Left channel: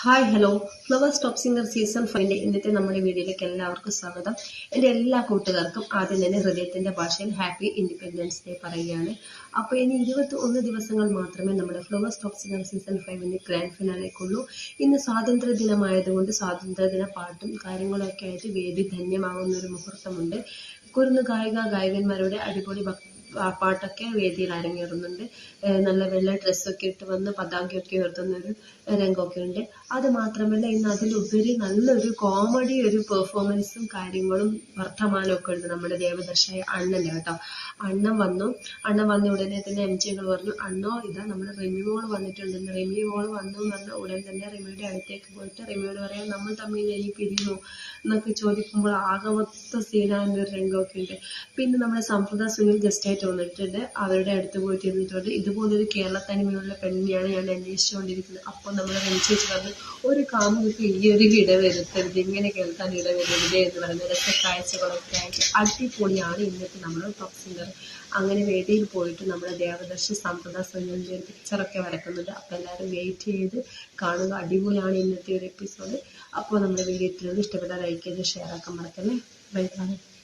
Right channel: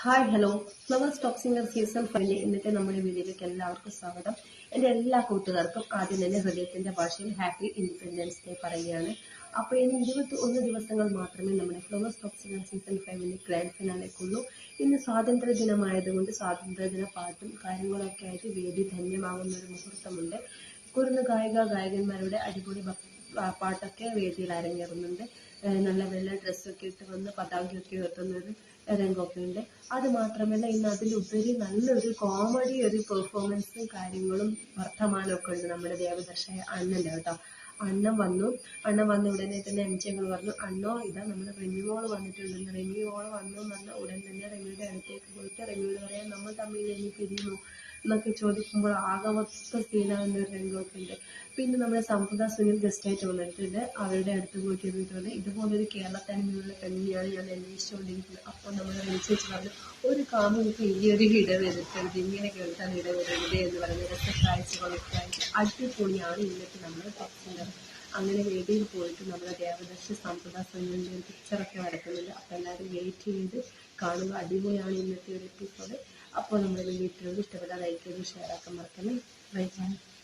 Hi hello Flowers top singer season ഫൈവിന്റെ ഇന്നത്തെ നമ്മുടെ വീഡിയോയിലേക്ക് എല്ലാവർക്കും സ്വാഗതം. എന്റെ എല്ലാ കൂട്ടുകാർക്കും ആദ്യം തന്നെ ഹൃദയത്തിന്റെ ഭാഷയിൽ ഹാപ്പി ഇൻഡിപെൻഡൻസ് ഡേ പറയുകയാണ്. അപ്പോൾ ഇനി ഇരുപത്തി ഒന്ന് ദിവസങ്ങൾ മാത്രമേ നമ്മുടെ ഫ്ലവേഴ്സ് ടോപ്പ് സിംഗർ സീസൺ ഫൈവിന്റെ ഗ്രാൻഡ് ഫിനാലേക്കുള്ളൂ ഇന്ന് സ്വാതന്ത്ര്യ ദിനമായതുകൊണ്ട് സ്വാതന്ത്ര്യദിന പാട്ടും കാര്യങ്ങളൊക്കെ ആയിട്ട് വേദി ധന്യമാകുന്ന ഒരു മുഹൂർത്തമുണ്ട്. കുരുന്ന് ഗായിക ഗായകന്മാരുടെ അടിപൊളി ഭക് ആ പാട്ടൊക്കെ വേദിയിൽ അരങ്ങേറുന്നുണ്ട്. നല്ല വെള്ള ഡ്രസ്സൊക്കെ ഇട്ട് വന്ന് പതാകയൊക്കെ ഉയർത്തുന്ന ഒരു രംഗമൊക്കെ ഉണ്ട്. അത് മാത്രമല്ല ഇന്ന് അതിലുപരി നല്ലൊരു കോമഡി ഒരു പെർഫോമൻസും കാര്യങ്ങളും വർത്തമാനമൊക്കെ ഉണ്ട് നമ്മുടെ ദേവദർശയ അണ്ണന് കേട്ടോ. അണ്ണൻ വന്നു. അണ്ണൻ വന്ന ഉടനെ തന്നെ എം ജികൾ പറഞ്ഞു അണ്ണോ ഇതാ നമ്മുടെ റിമി മോൾ വന്നിട്ടുണ്ടെന്ന് റിമി മോൾ വന്നു എന്ന് പറഞ്ഞ ഉടൻ തന്നെ റിമിയുടെ അടുത്തേക്ക് പോയിട്ട് റിമിയോട് പറയാം നമ്മൾ തമ്മിൽ ഈ പിരിഞ്ഞു? എന്നൊക്കെ ചോദിക്കുമ്പോൾ ആകെ മൊത്ത സീനാകുന്ന ഒരു രംഗമൊക്കെ ഉണ്ട്. പിന്നെ നമ്മുടെ സംപ്രദ സുനിൽ ഗസ്റ്റായിട്ട് വന്നിട്ടുണ്ട്. അവരുടെ അടുത്ത് പോയിട്ട് ഇരുന്നിട്ടുണ്ട് ഇതുപോലൊരു കേരളത്തനിമയുള്ള പെണ്ണിനെയാണ് ഞാൻ അന്വേഷിച്ചുകൊണ്ടിരിക്കുന്നത്. അപ്പോൾ നമ്മൾ ചേച്ചി പറഞ്ഞു ഒരു കാമുകൾക്ക് ഈ ഒരു ഇട വരുത്തരുത്. ഇങ്ങനെ കേൾക്കാൻ ഇട വരരുത് എന്ന് പറയുന്ന രസക്കാഴ്ചകളൊക്കെ അടിപൊളിയാണ്. ഇന്നത്തെ നമ്മൾ ടോപ്പ് സിംഗർ അങ്ങനെ വേദിയിൽ പോയിട്ട് നമ്മുടെ ദേവദർശി സമ്പദ ഒരു പിക്ചറൊക്കെ വരക്കുന്നുണ്ട് അപ്പോൾ എല്ലാവരും വെയിറ്റ് ചെയ്ത് കാണുക അടിപൊളിയാണ് ഇന്നത്തെ ഒരു എപ്പിസോഡ് അപ്പോൾ നമ്മുടെ വീഡിയോ ഇഷ്ടപ്പെട്ട ലൈക്ക് ചെയ്ത് ഷെയർ ആക്കാൻ മറക്കല്ലേ? Bye bye